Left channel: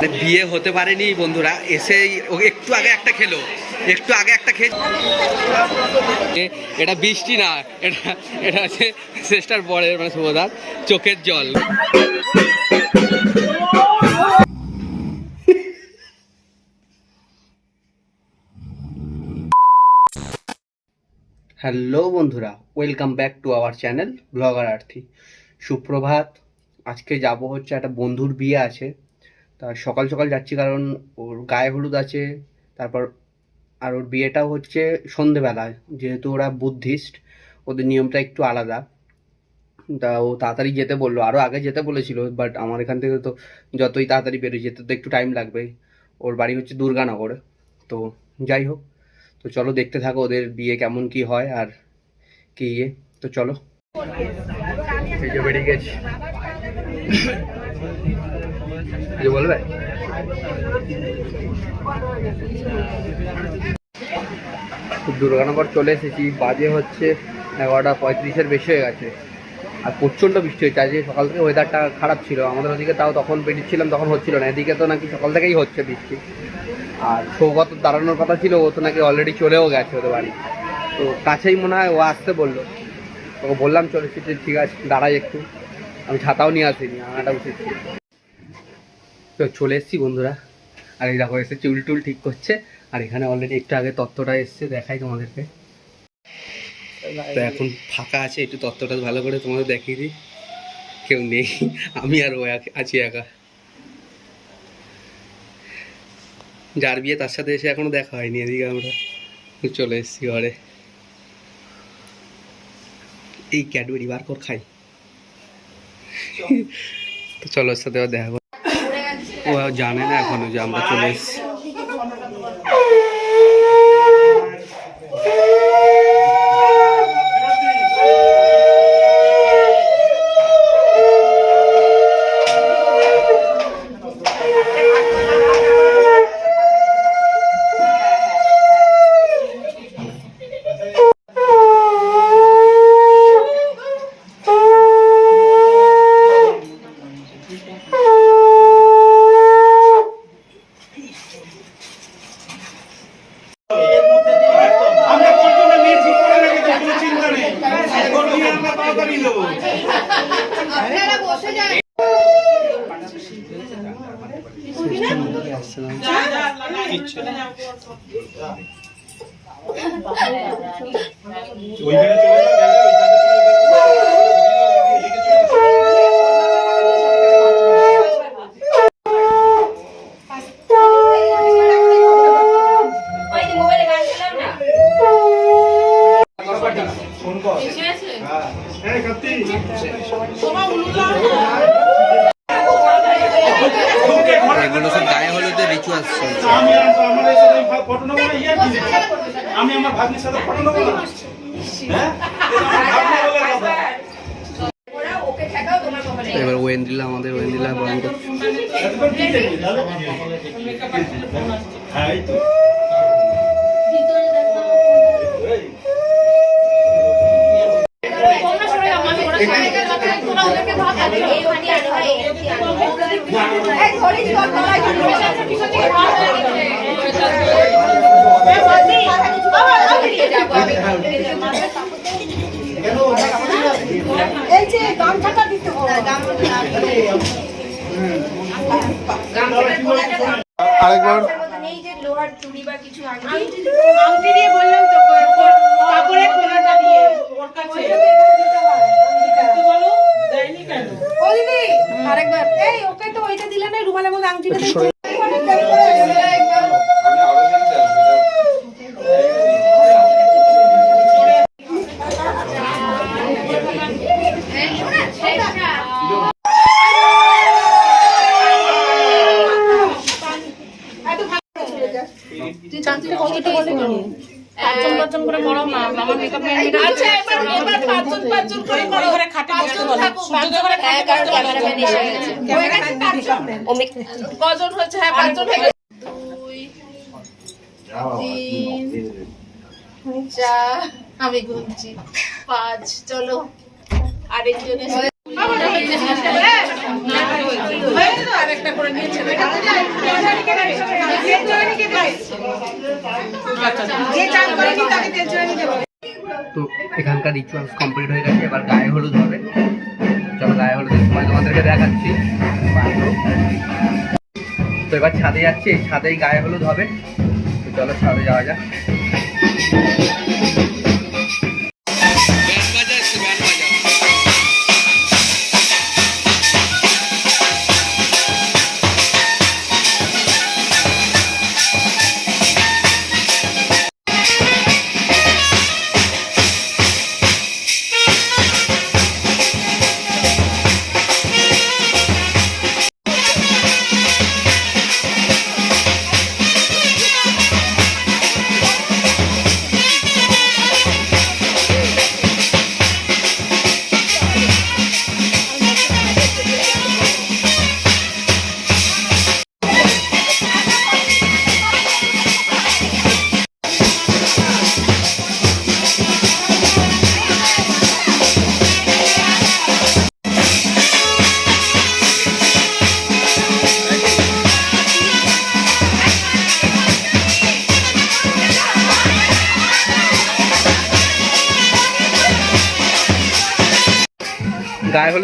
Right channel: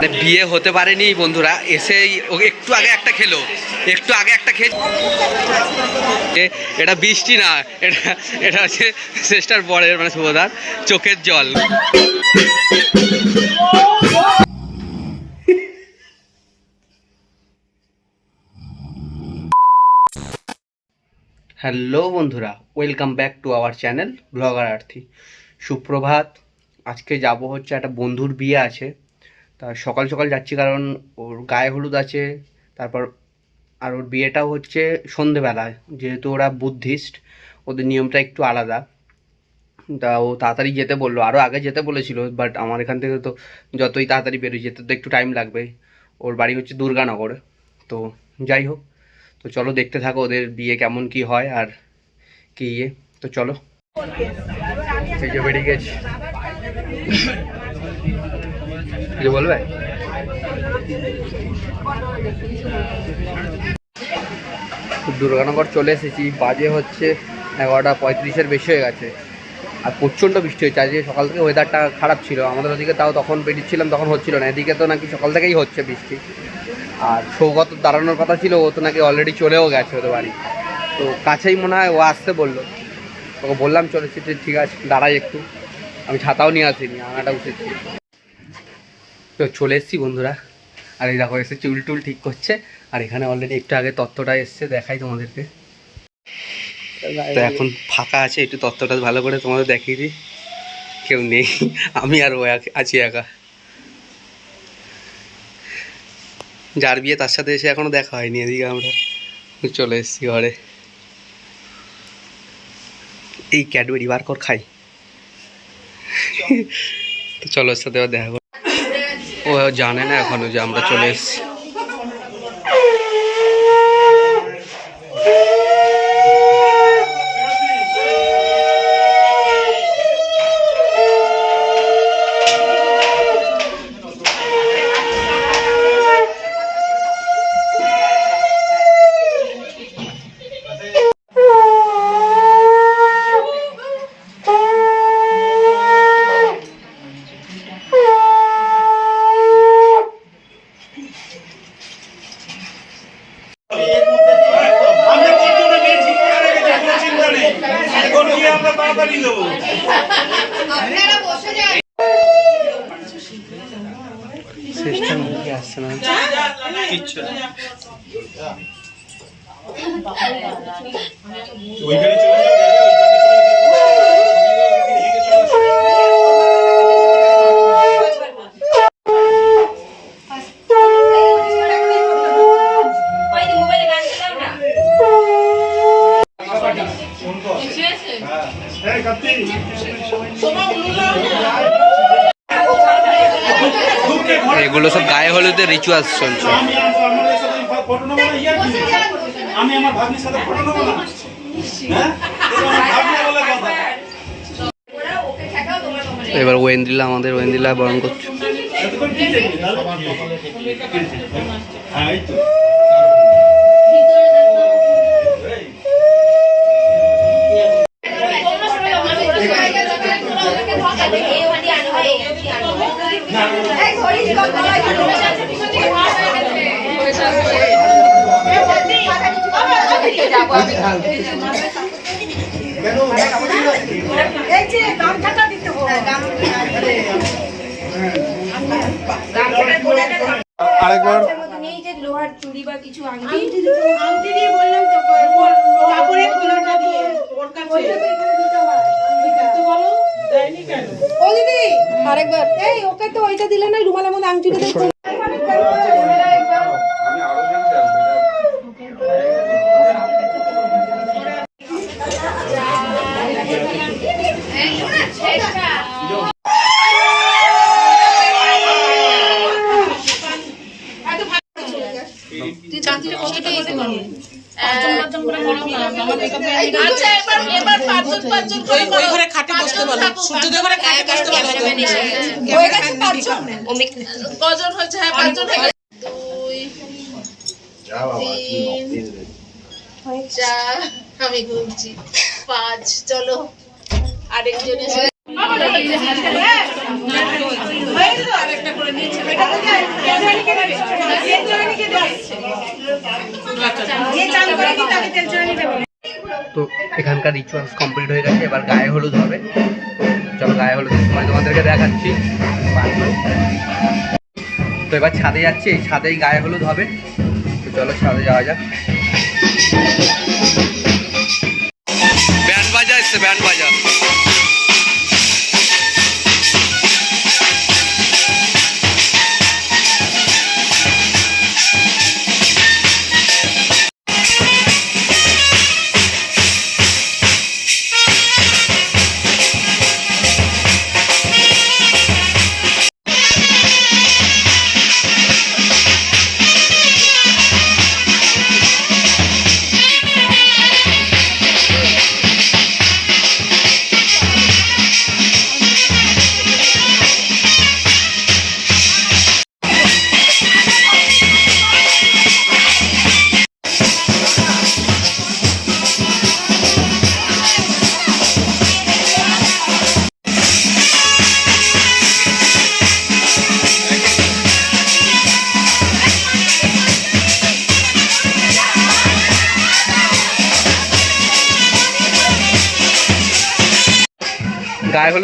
বিয়ে হতে পারেনি বন্ধুরা, এসেই ও একটু আগে একটা খেলো, একটু আগে একটা এ- এটা বৃষ্টি না, এটা এটা হচ্ছে শ্রেষ্ঠার বরের মানে শুভদার, চোখের জল। হ্যালো বন্ধুরা welcome back to our channel blogger Arthi সুপ্রভাত, আজকে যাব হচ্ছে একটা বন্ধুর বিয়ে আছে। তা সকাল সকাল যাচ্ছি কারণ ওর গায়ে হলুদ আছে, তারপর আর ওর বিয়েটাও হচ্ছে সন্ধেবেলায়, যেহেতু ওরা বুদ্ধিস্ট, ওদের নিয়মটা একটু আলাদা। তা ও তাড়াতাড়ি যেতে বলল আরও আগে যেতে বলেছিল বাট আমার এখান থেকে তো যতই তাড়াতাড়ি বেরোয় যেতে তো একটু টাইম লাগবে। ওর বাড়ি হচ্ছে দুর্গানগরে, তো যাই হোক, তো চলো দেখতে থাকো ওদের বিয়ে কেমন কি হয় আর কি ইয়ে তো চলো। এই যে বেরিয়ে গেছি। কিছু বলবে? দুর্গানগর চলে এসেছি। বাজে হচ্ছে এগারোটা পঁয়ত্রিশের বেশি হয়ে গেছে। আর প্রচণ্ড বৃষ্টি হচ্ছে। আজকে সকাল থেকে ওয়েদারটা খারাপ ছিল। আমাদের ওদিকে তাও তখন বেরিয়েছিলাম তখন হচ্ছিল না। এদিকে তো নাকি সকাল থেকেই হচ্ছে বৃষ্টি। আর সৌগত দাঁড়ানোর কথা ছিল, ও তো নাকি অলরেডি চলেও গেছে ওদের বাড়ি। তো কাছেই মনে হয় ও আসতে বলল। ওকে বললাম, চলেছি, ঠিক আছে, দাঁড়াই একটু। আমি ছাতাও নিয়ে আসিনি, আনাটা উঠেছি তো চলে এসেছি বন্ধুরা। আর এই দেখো এসে চুল টুল ঠিক করছে। আর এখানে অলরেডি একটু আগে তত্ত্বটা এসছে, দেখাই তোমাদেরকে। তো এখন ফাঁকা আছে, একটু তত্ত্বটা ভালো করে তোমাদের দেখিয়ে দিই। কেউ নেই, আমি আর ও আছি একা। যার বিয়ে তার সাথে এসে এখনও দেখা হয়নি, এদিকে আমরা চলে এসেছি ঘরে। এই ক্যাডবেরি বার কর খাই। তো চলো সাথে এবার দেখা ও জানে না এখনও যে আমরা চলে এসেছি। ওইখানে চলে কজন হয়েছে? হ্যাঁ পাঁচজন। দুই তিন চার আমি গুনছি পাঁচ চলো। আরেকজন আরেকটা করে নিয়েছে তো এখানকার রিচুয়ালস কমপ্লিট হয়ে গেছে এবার গায়ে হলুদ হবে। চলো গায়ে হলুদের সময় তোমাদেরকে দেখাচ্ছি। তো এবার ছাদে যাচ্ছি, এই ছাদেই গায়ে হলুদ হবে। তো চলো ছাদে যাওয়া যাক। ব্যান্ড বাজা এসছে, ব্যান্ড বাজা।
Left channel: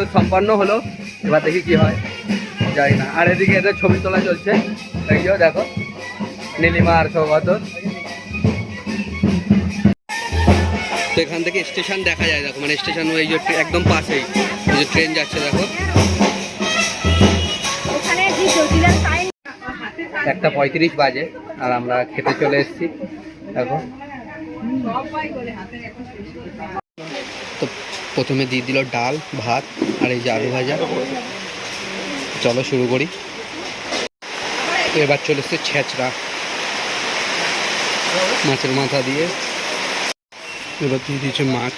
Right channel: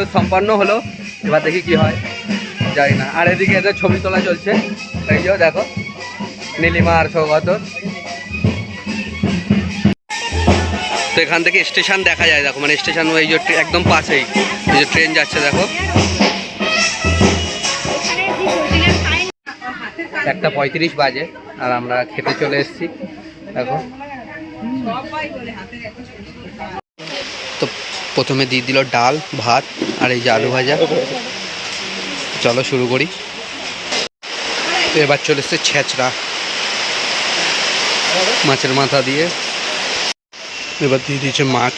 গায়ে সম্পন্ন হলো এবার দেখি কি হয় জানি না। আর এদিকে এদের ছবি তোলা চলছে। এই যে দেখো নীলিমা আর সৌগত। তো এখান থেকে স্টেশন দেখা যায় দেখো মানে স্টেশন এই যে একদম পাশেই। এই যে ট্রেন যাচ্ছে দেখো। একটা পঁয়ত্রিশ বাজে আর আমরা খেতে চলে এসেছি দেখো। তো প্রথমে দিয়ে দিল ডাল, ভাত আর এই যে আলু ভাজা। চলো শুরু করি। এবার চলে এসছে ছেঁচড়া। মাছের মাথা দিয়ে। এবার দিয়ে দিয়েছে মাছ।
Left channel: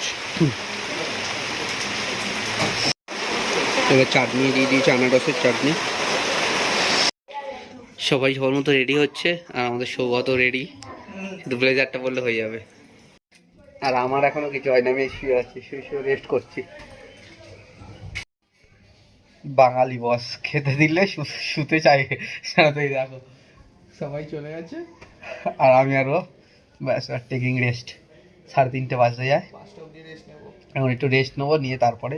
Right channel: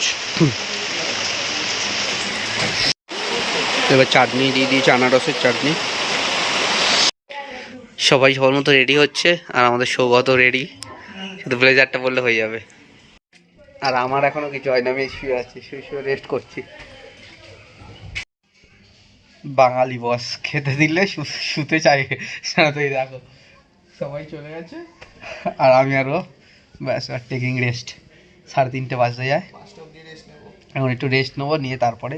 এবার চাটনি দিয়ে দিয়েছে আনারসের চাটনি। সবাই সবার মতো রেডি হচ্ছে আর আমাদের সৌগত রেডি। শুধু ব্লেজারটা বললে হয়ে যাবে। আর আমার এখনও কিছু হয়নি আমি শুয়ে আছি শুয়ে শুয়ে রেস্ট করছি। বাঙালি বস খেতে দিলে শুতে চাই। সারাতেই দেখো সবাই চলে গেছে। আর আমি আরও ব্যাস আর টেকিং রেস্ট সাড়ে তিনটে বাজতে যায়। এখন একটু রেস্ট নেব নিয়ে তারপরে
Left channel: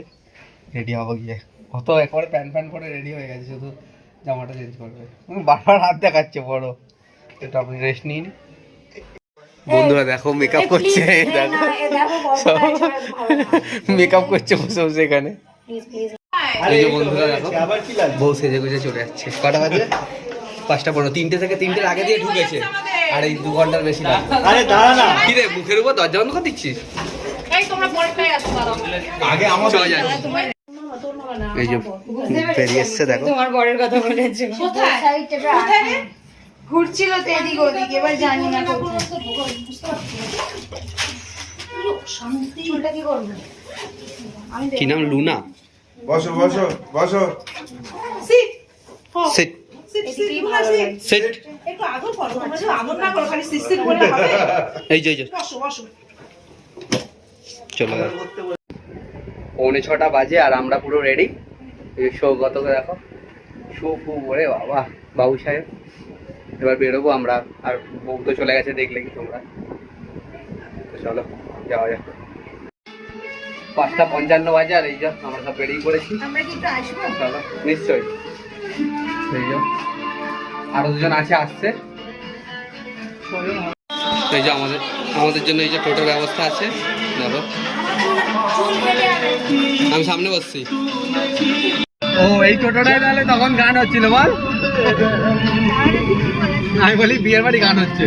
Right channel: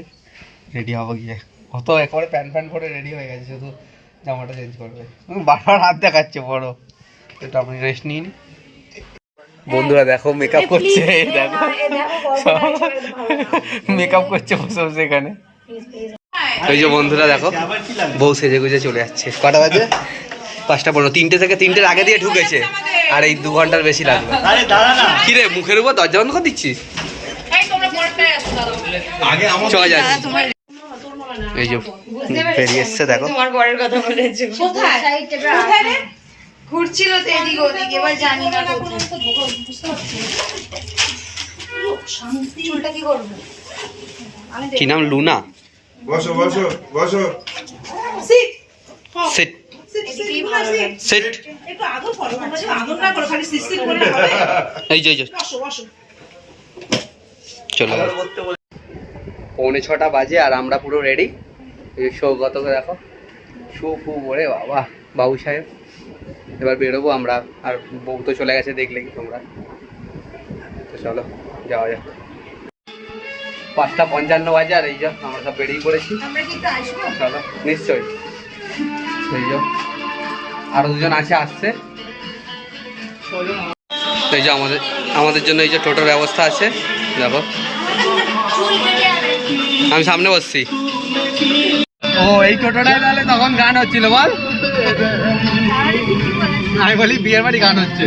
রেডি হব গিয়ে। কত একেবারে প্যান প্যান করে রেডি হয়ে গেছে শুধু জামাটা চেঞ্জ করবে। বারবার হাত দেখাচ্ছে বড়। একটু আপনি রেস্ট নিয়ে নি। বন্ধুরা দেখো মেকআপ করছে দেখো। মেকআপ করছে বসে বসে এখানে। এই যে বন্ধুরা দেখো বউ সেজে গুজে চলে যাচ্ছে কটা বাজে? পাঁচটা পনেরো তিনটে থেকে তিনটের আগে দিয়ে ঢুকেছে। আর এই দু ঘণ্টার বেশি লাগবে। কি রে মুখের উপর দরজা বন্ধ করে দিচ্ছিস? তোমরা আগে আমার চলে যাচ্ছে। এই যে বেরিয়ে এসছে দেখো। কোথায়? কোথায় রে? ঘুরছিল তো এদিকে ওদিকে এবার জানি না কোথায়। চুলটা কি করব? কি নাম? লুনা? বসো বসো বসো। Sit. Set. Sit sit set. একটু আদর করো তোমরা যদি আদর না করো খালি সিস্টেম করে হবে? এই যে এই যে। বসো বসো। চলে গেল। পৌনে ছটা বাজে আর আমরা পুরো রেডি সৌগতকে দেখো? শু ফু করে বাবা বাবু সাহেব। এবার বেরোবো আমরা আর বউ তো চলে গেছে দেখলে কি তোমরা। তো চলো যাওয়া যাক। পাঁচটা পঞ্চান্ন বাজে আর এই যে আমরা সব বেরিয়ে পড়েছি। চলো নিশ্চয়ই। এই যে আরও দুজন আছে আসছে। এই যে আমাদের আমাদের জন্য এই যে টোটোর ব্যবস্থা আছে। দেখো। আমি সামনে বসছি। ও এই টোটোটায় তাহলে তখন গান হচ্ছিল বল। আমি বলি বিয়ের বাড়ি গান হচ্ছে।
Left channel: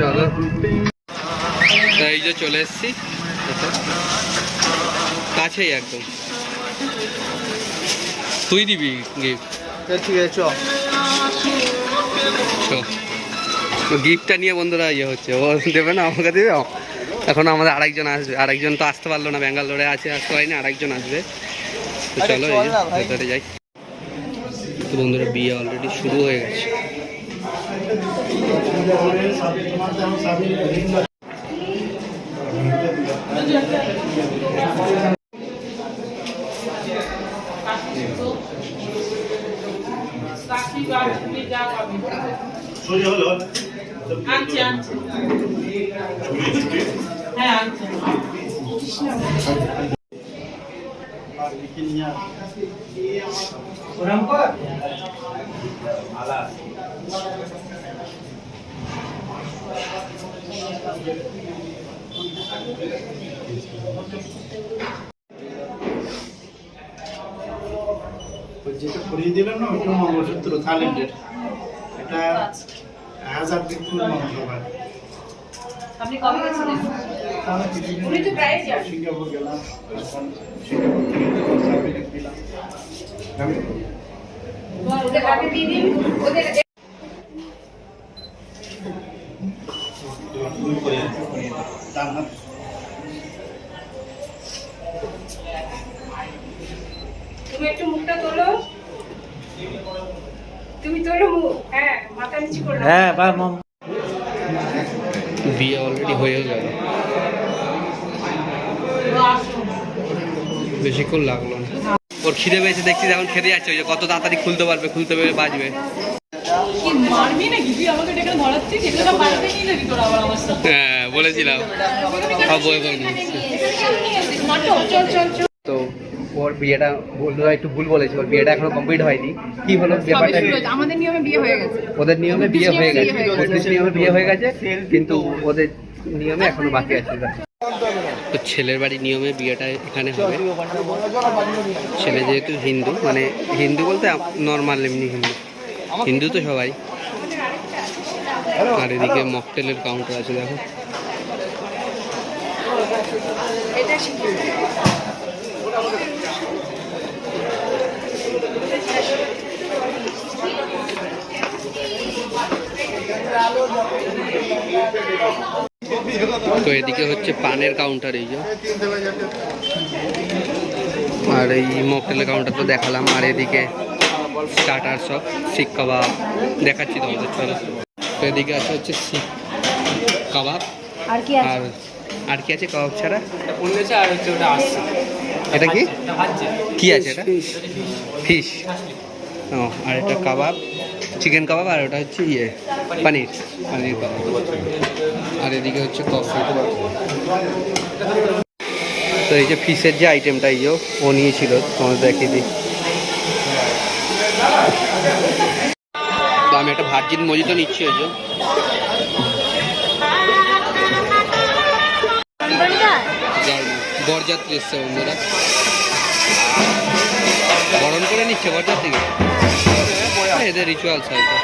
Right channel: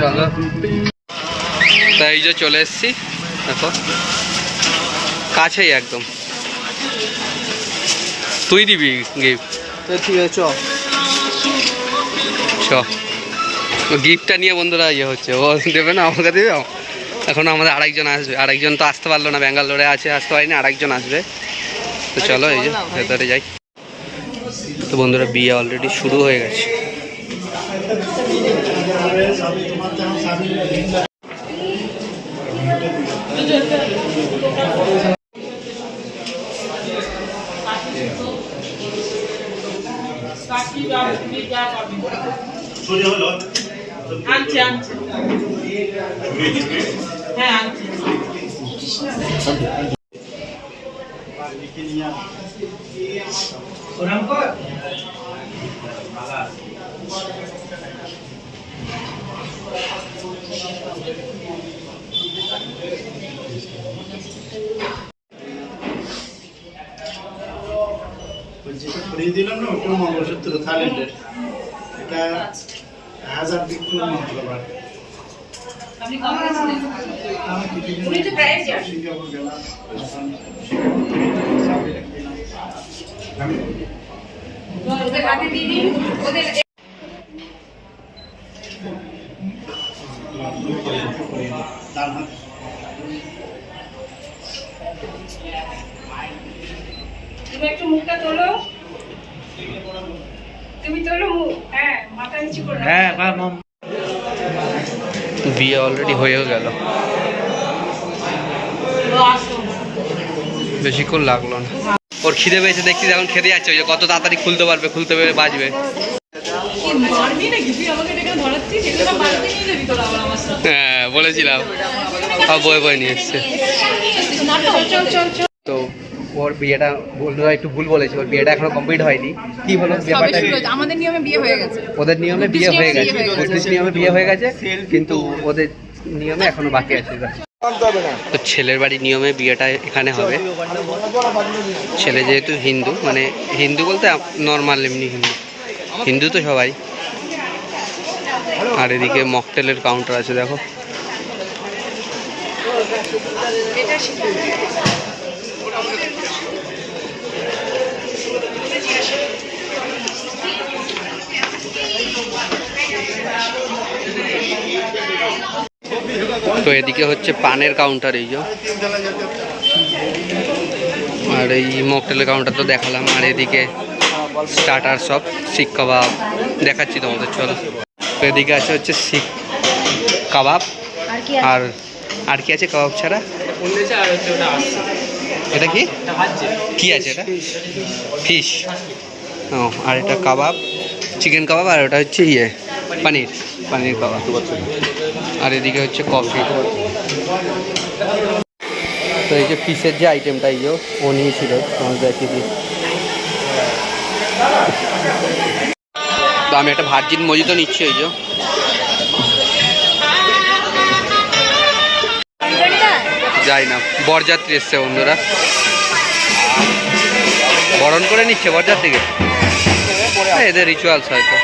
চলো। তা এই যে চলে এসছি দেখো। কাছেই একদম। তুই দিবি গিফট তো ঠিক আছে চ। গিফটটা নিয়ে বন্ধুরা ইয়ে হচ্ছে। ও দেবে না আমাকে দেবে? এখন আমাদের আরেকজন আসবে। আরেকজন তো আসতে পারল না ব্যাঙ্গালোরে আছে আসতে পারিনি আরেকজন আসবে। তো চলো এই যে ভেতরে যাই। তো বন্ধুরা বিয়ে অলরেডি শুরু হয়ে গেছে। হ্যাঁ যেটা করিয়ে দিলাম না ওটা মঙ্গলসূত্র থাইল্যান্ডের এটা হাজার বিক্ষু মন্ত্র আপনি কবে গেছিলেন? উনি তো প্রায় যান। সিঙ্গাপুর গেলাম। সিঙ্গাপুর থেকে ওদের হাতে দিয়ে দিন। ওদের তার না তুমি একটু মুখটা তোলো তুমি তোলো মুখ হ্যাঁ মাথা নিচু করে রাখো। অলরেডি হয়েও গেল। বেশিক্ষণ লাগল না। ওর খিদে পেয়েছে দেখছি এখন খেতে যাচ্ছে ওই যে কত তাড়াতাড়ি খুলতে পারবে খুলতে পারবে বাজবে। হ্যাঁ বলেছিলাম। সব বয়ে বয়ে নিয়ে এসছে। তো ওর বিয়েটা বন্ধুরা একটু ভুল বলেছে ওর বিয়েটা এখনও কমপ্লিট হয়নি। কি হলো? ব্যাপারটা আমাদের নিয়মে বিয়ে হয়ে গেছে। ওদের নিয়মে বিয়ে হয়ে গেছে। বত্রিশ নিয়মে বিয়ে হয়ে গেছে কিন্তু ওদের নিয়মে এখনও বাকি আছে তো ছেলের বাড়ির নিয়মে বিয়েটা এখানে হবে। ছেলে যেহেতু হিন্দু মানে হিন্দু বলতে নর্মাল এমনি হিন্দু। হিন্দু তো সবাই। আর এদিকে মকটেলের কাউন্টার আছে, দেখো। তো এদিকে হচ্ছে পানের কাউন্টার এই যে। আর এই মকটেলের কাউন্টার তো দেখালাম। আর এদিকে স্টার্টার সব শিক কাবাব দেখাচ্ছি তোমাদের চলো। তো এদিকে আছে হচ্ছে শিক কাবাব। আর আর কি আছে কাবাব ছাড়া? এটা কি? কি আছে এটা? ফিশ ও আর এটা কাবাব চিকেন কাবাব আর ওটা হচ্ছে ইয়ে পানির পানির কাবাব। আর এদিকে হচ্ছে কফি তো এই যে ফিশের যে আইটেমটা এই যে ও নিয়েছিল তোমাদের দেখিয়ে দিই। তো আমি একটা ভার্জিন মজিতো নিচ্ছি ওই যাই না বরযাত্রী এসছে বন্ধুরা। বরণ করে নিচ্ছে বরযাত্রীকে। হ্যাঁ, এদের রিচুয়ালস হয়তো।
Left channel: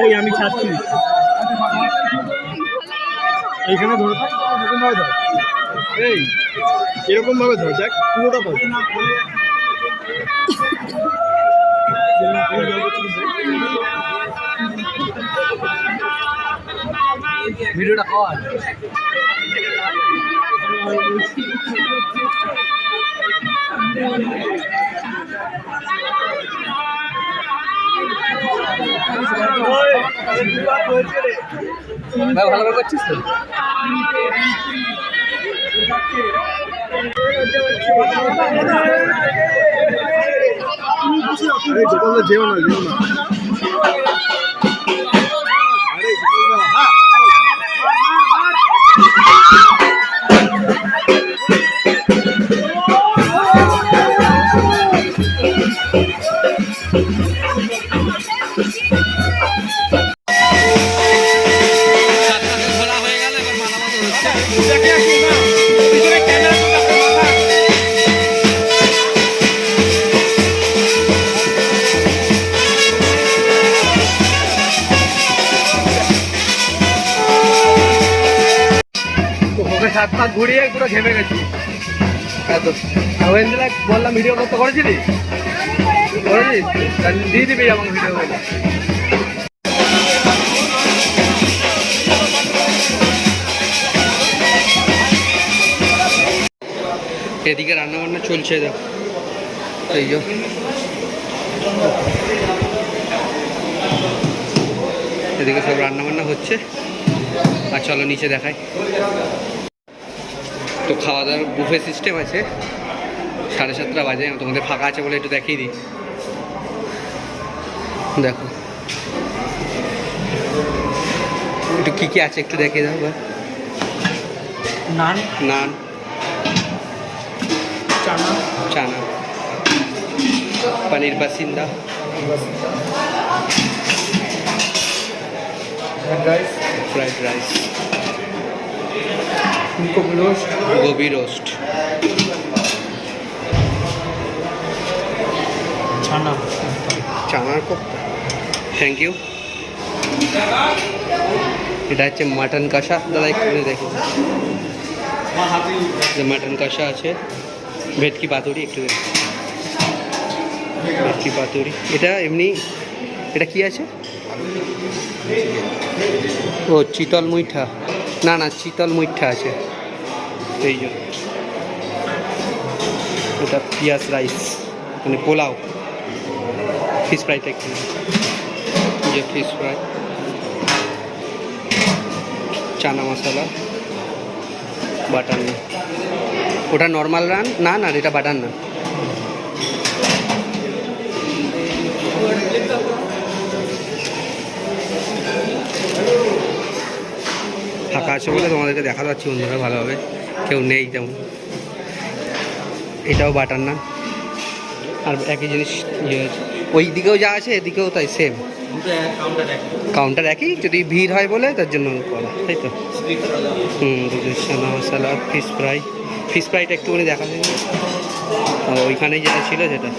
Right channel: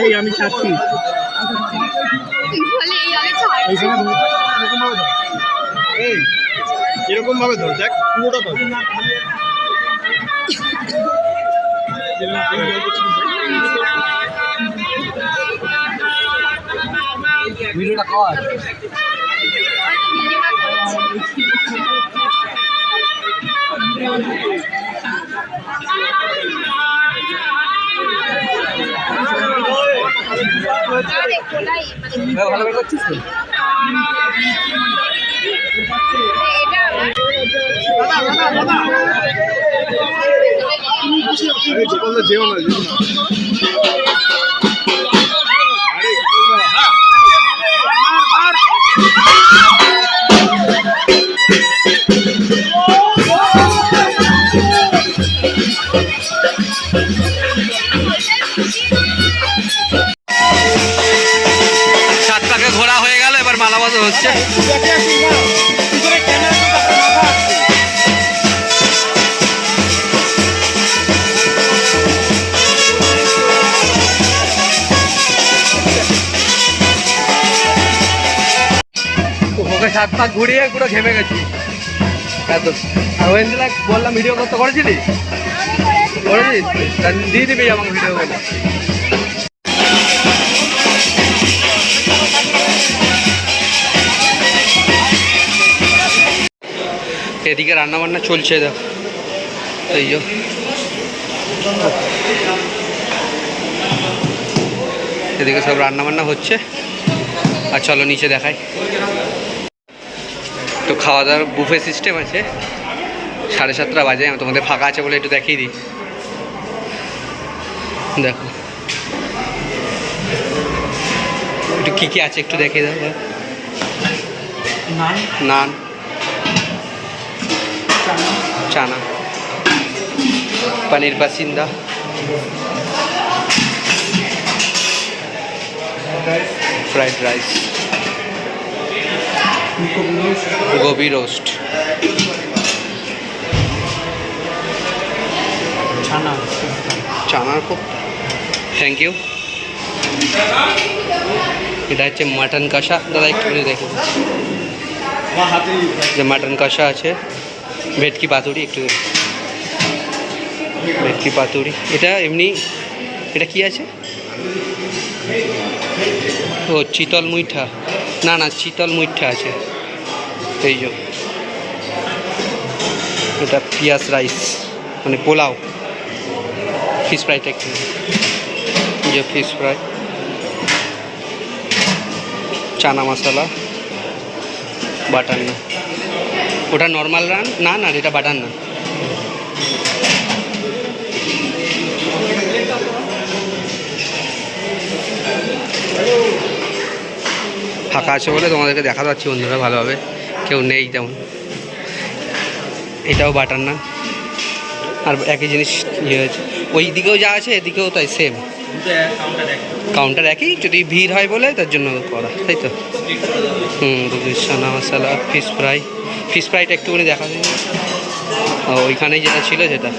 এই আমি ছাড়ছি এইখানে ধরে। থাক, এরকম ভাবে ধর এই এরকম ভাবে ধর দেখ পুরোটা ধর। ভিডিওটা কর। ভালো করে করছিস তো? যেও না যেও না। ঘুরিয়ে পুরো ঘেমে গেছি। এত। ওয়েন্দিলা বললাম ভিডিও করতে করেছিলি? করেছিস? দিয়ে দিবি আমাকে ভিডিও করে এদিকে রান্না বান্না চলছে, দেখ। এই যে। এদিকে সব রান্না বান্না হচ্ছে। আর চলো নিচে দেখাই। তো খাওয়া দাওয়ার বুফে সিস্টেম আছে। সাড়ে সাতটা বাজে আমি তোমাদের ফাঁকা আছে বলে একটু দেখিয়ে দিই। দেখো। একটু কী কী আছে একটু দেখিয়ে দাও নান। নান। চানা। চানা। পনির বাসিন্দা। Fried rice gobi roast. চানার কোপ্তা। থ্যাংক ইউ এটা হচ্ছে মাটন কষা। দাদা একটু দেখে। যে মাটন কষা আছে ভেটকি পাতুরি একটু দেখে। ভেটকি পাতুরি। এটা এমনি এটা কি আছে? ও চিতল মুইঠা না না, চিতল মুইঠা আছে। এই যে। এটা পিঁয়াজ রাইস মানে পোলাও। ফিশ ফ্রাইটা একটু যে fish fry. Chana masala. Butter না ওটা নর্মাল রান? না না, এটা বাটার না ফাঁকা আছে বলে তোমাদেরকে দেখা যাচ্ছে, বন্ধুরা, ভালোভাবে। কেউ নেই তেমন। এটাও বাটার না আর একই জিনিস ইয়ে আছে। ওই দিকেও যা আছে, এদিকেও তাই সেম কাউন্টার একই, যদি ভিড় হয় বলে, তার জন্য করা, তাই তো? হুম chana masala fish fry fish ফ্রাইটা একটুখানি দেখা যায় ওইখানেই যেটা ছিল, সেটা।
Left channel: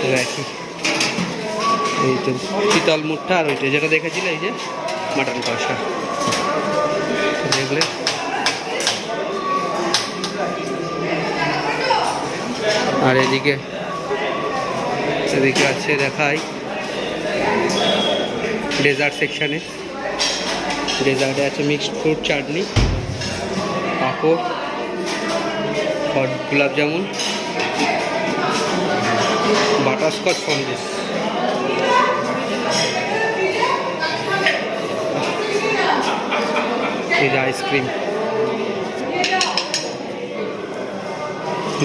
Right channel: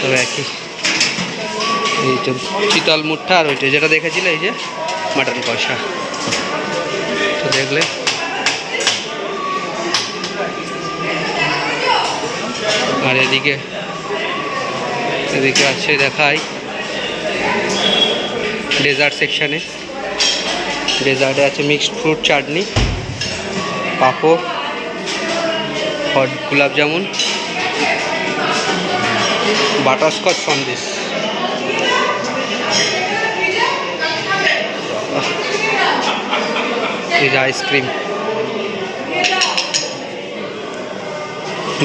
তবে একই। এই তো শীতল মুঠা আর ওইটা, যেটা দেখেছিলে, এই যে মাটন কষা। দেখলে আর এদিকে এদিকে আছে দেখাই ডেজার্ট সেকশানে। ডেজার্টে আছে mixed fruit, chutney, papad, hot gulab jamun, butterscotch Sandesh. এই যে আইসক্রিম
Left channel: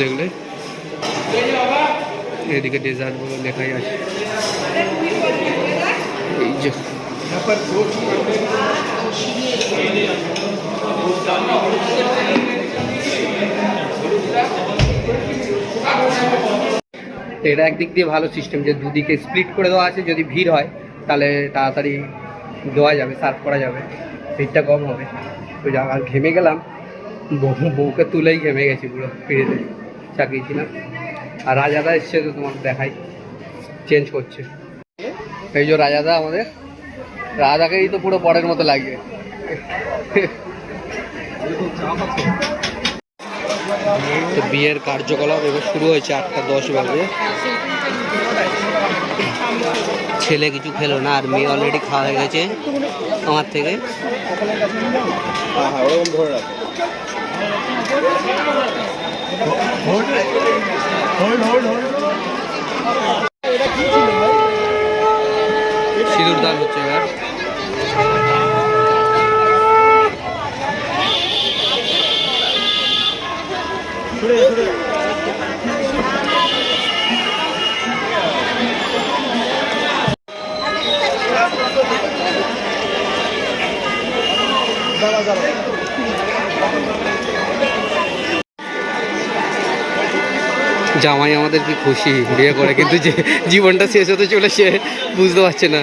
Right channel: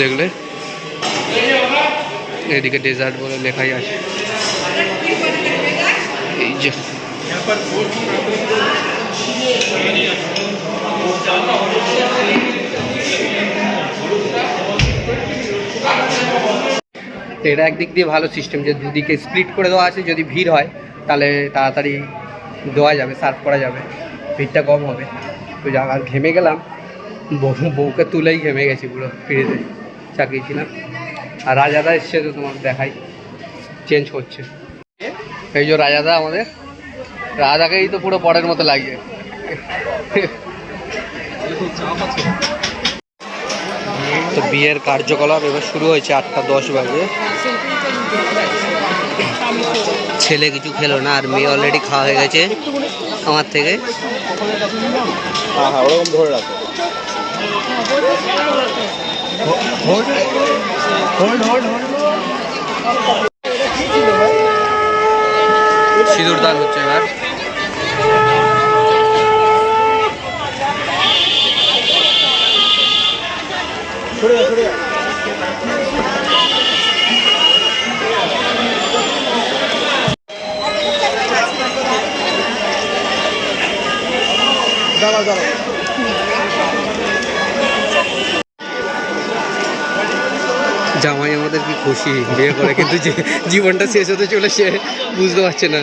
দেখলে? এদিকে ডেজার্ট বলে লেখাই আছে। এই যে। এটা একদিক দিয়ে ভালো সিস্টেম যে দুদিকে স্প্লিট করে দেওয়া আছে, যদি ভিড় হয়, তাহলে তাড়াতাড়ি দেওয়া যাবে সার্ভ করা যাবে। ভিড়টা কম হবে। তো আর ঘেমে গেলাম। বউ, বউকে তুলেই ঘেমে গেছি পুরো ফিরেতে চাকিয়েছিলাম। আর রাজাদা এসছে তো তোমাকে দেখাই। চেঞ্জ করছে। এই যে রাজাদা আমাদের। রাজাকেই তো পুরো বরের মতো লাগছে তো বিয়ের কার্যকলাপ এবার শুরু হয়েছে আটটা দশ বাজে। ছেলে কিছু খেলো না, আর মেয়ে অলরেডি খাওয়া হয়ে গেছে। আমার থেকে। সিঁদুর দান হচ্ছে এবার। জামাই আমাদের কি খুশি, বিয়ে করে, কিন্তু যে জীবনটা শেষ হতে চলেছে, বুঝতে পারছে না।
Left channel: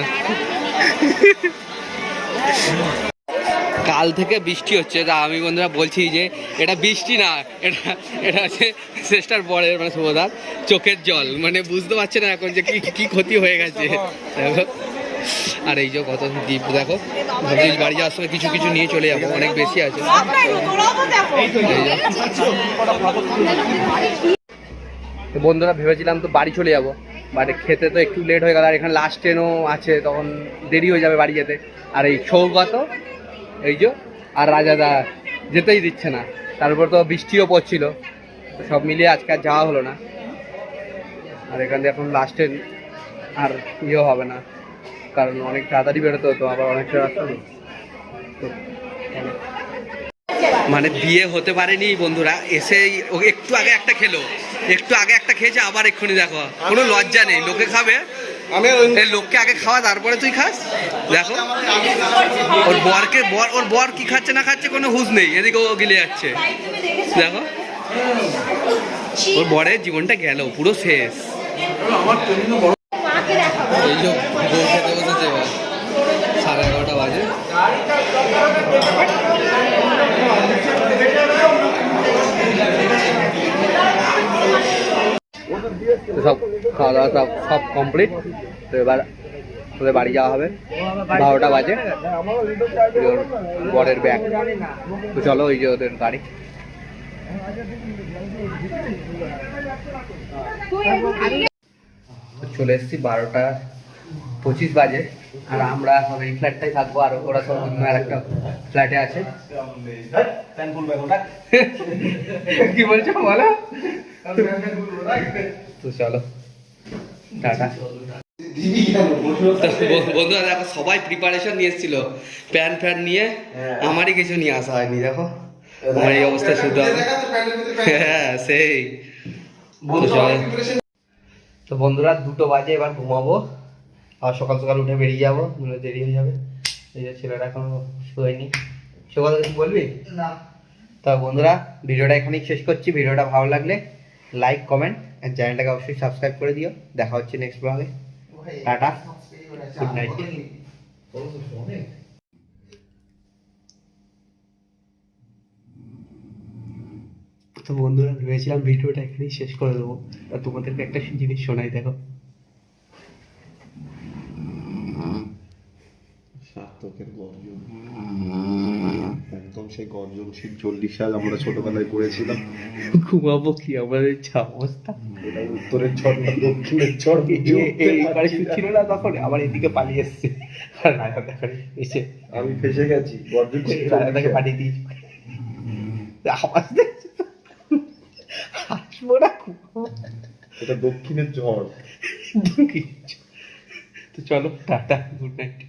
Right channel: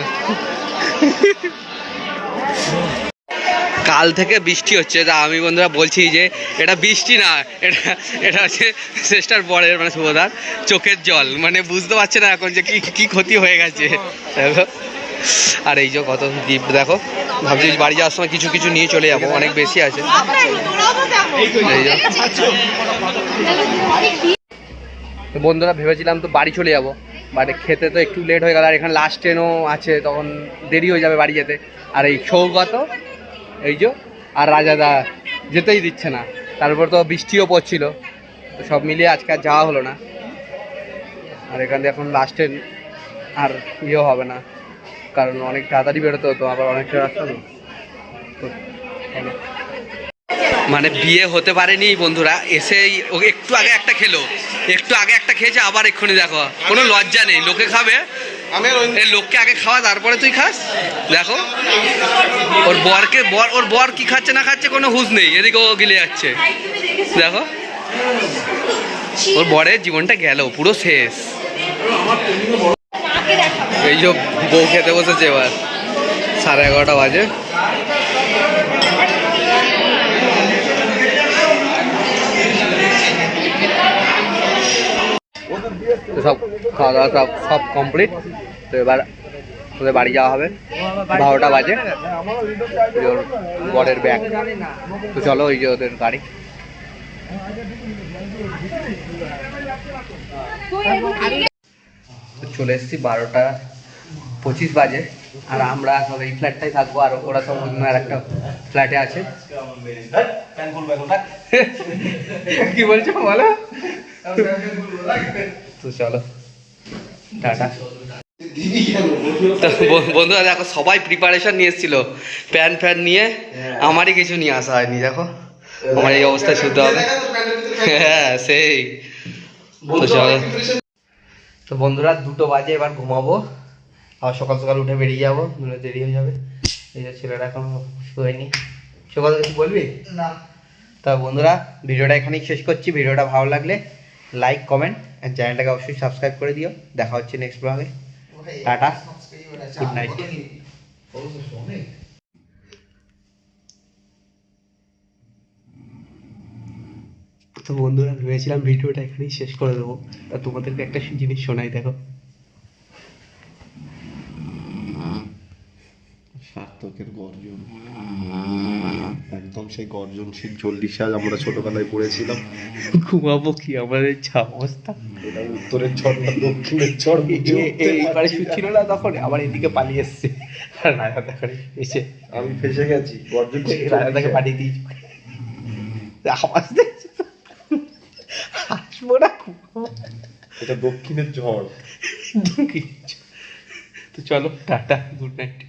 কাল থেকে বৃষ্টি হচ্ছে, তা আমি বন্ধুরা বলছি যে এটা বৃষ্টি না, এটা এটা হচ্ছে শ্রেষ্ঠার বরের মানে শুভদার চোখের জল মানে বুঝতে পারছে না এখন যে কি কি ক্ষতি হয়ে গেছে। দেখো, আর এই যে কত গিফট দেখো, ভাবছি বাড়ি যাওয়ার সময় কিছু কিছু নিয়ে চলে যাব, অনেক বেশি আছে। এই। তো বন্ধুরা ভেবেছিলাম তো বাড়ি চলে যাব বাট খেতে তো একটু লেট হয়ে গেল, আর এখানে লাস্ট ট্রেনও আছে, তখন দেরি হয়ে যাবে বাড়ি যেতে আর এই সৌগত, এই যে, আর রাজাদা যেতেই দিচ্ছে না তারপর তো বৃষ্টিও পড়ছিল, তো সব মিলিয়ে আজকে আর যাওয়া হলো না আর এখান এখন লাস্ট ট্রেন আর ইয়েও হবে না, কারণ অনেক তাড়াতাড়ি বেরোতে হতো, আবার অনেকটা রাস্তা তো। মানে বিয়ে হতে পারেনি বন্ধুরা এসেই ও একটু আগে একটা খেলো একটু আগে একটা খেয়েছে আবার এক্ষুনি দেখো কোনো লজ্জা নেই লোকে খাবে। লোককে আগে খাওয়া তারপরে তুই খাস? দেখো ওর বরকে বর ওর বর কি খাচ্ছে না খাচ্ছে কোনো হুঁশ নেই এদিকে ও গিলে যাচ্ছে। দেখো ওর বরের জীবনটা গেল পুরো শেষ। এই যে বউ খেতে বসেছে এবার সাড়ে এগারোটা বাজে। তো সব খাওয়া দাওয়া সব সব কমপ্লিট তো এবার তোদের বাড়ি যাওয়া হবে। বারোটা বাজে। ওর বরের ব্যাগ তো চলো ওই যে ওদের গাড়ি চলে এসছি বারোটা পঁচিশ বাজে আর আমরা সব এই ফ্ল্যাটটাই থাকব আর ওরা সব অন্য আর একটা ফ্ল্যাটে আছে। কি বলছো বলো? তো চলো টাটা। তো বন্ধুরা দেখো সবাই প্রিপারেশন নিয়ে এসেছিল। প্যান ফ্যান নিয়ে আমারই কিছু নিয়ে আসা হয়নি দেখো। আমার এই অবস্থায় শুতে হবে। হ্যাঁ সেই। তো চলো। তো বন্ধুরা দুটো বাজে এবার ঘুমাবো। আর সকাল সকাল উঠে বেরিয়ে যাব মানে দেরি হয়ে যাবে। এই যে ছেলেরা এখনও শোয়নি। সকাল কিছু বলবি? না। তা বন্ধুরা ভিডিওটা এখানেই শেষ করছি। ভিডিওটা ভালো লাগলে লাইক কমেন্ট আর চ্যানেলটাকে অবশ্যই সাবস্ক্রাইব করে দিও। দেখা হচ্ছে নেক্সট ব্লগে টাটা। গুড নাইট তো বন্ধুরা ভেবেছিলাম ভিডিওটা এখানেই শেষ করে দেবো। তা তোমাদেরকে একটা জিনিস শোনাই দেখো সার্থকের গর্জন একদম সেই গর্জন সেই চল্লিশ সাল আমরা ছোটবেলায় পড়েছিলাম। ঘুমাবো কি আমাদের যা অবস্থা এটা উত্তরের না দক্ষিণের ঝড়। বুঝে এই- উঠতে এই পারে ছিল না তখন আবার এদিকে পালিয়ে এসছে। রাজা এসে আমি ফেসে গেছি গর্জন রাজা তাকে পাঠিয়ে দিয়েছি আওয়াজ দেখছি হাসবো না এটা দক্ষিণের ঝড়। তো চলো টাটা গুড নাইট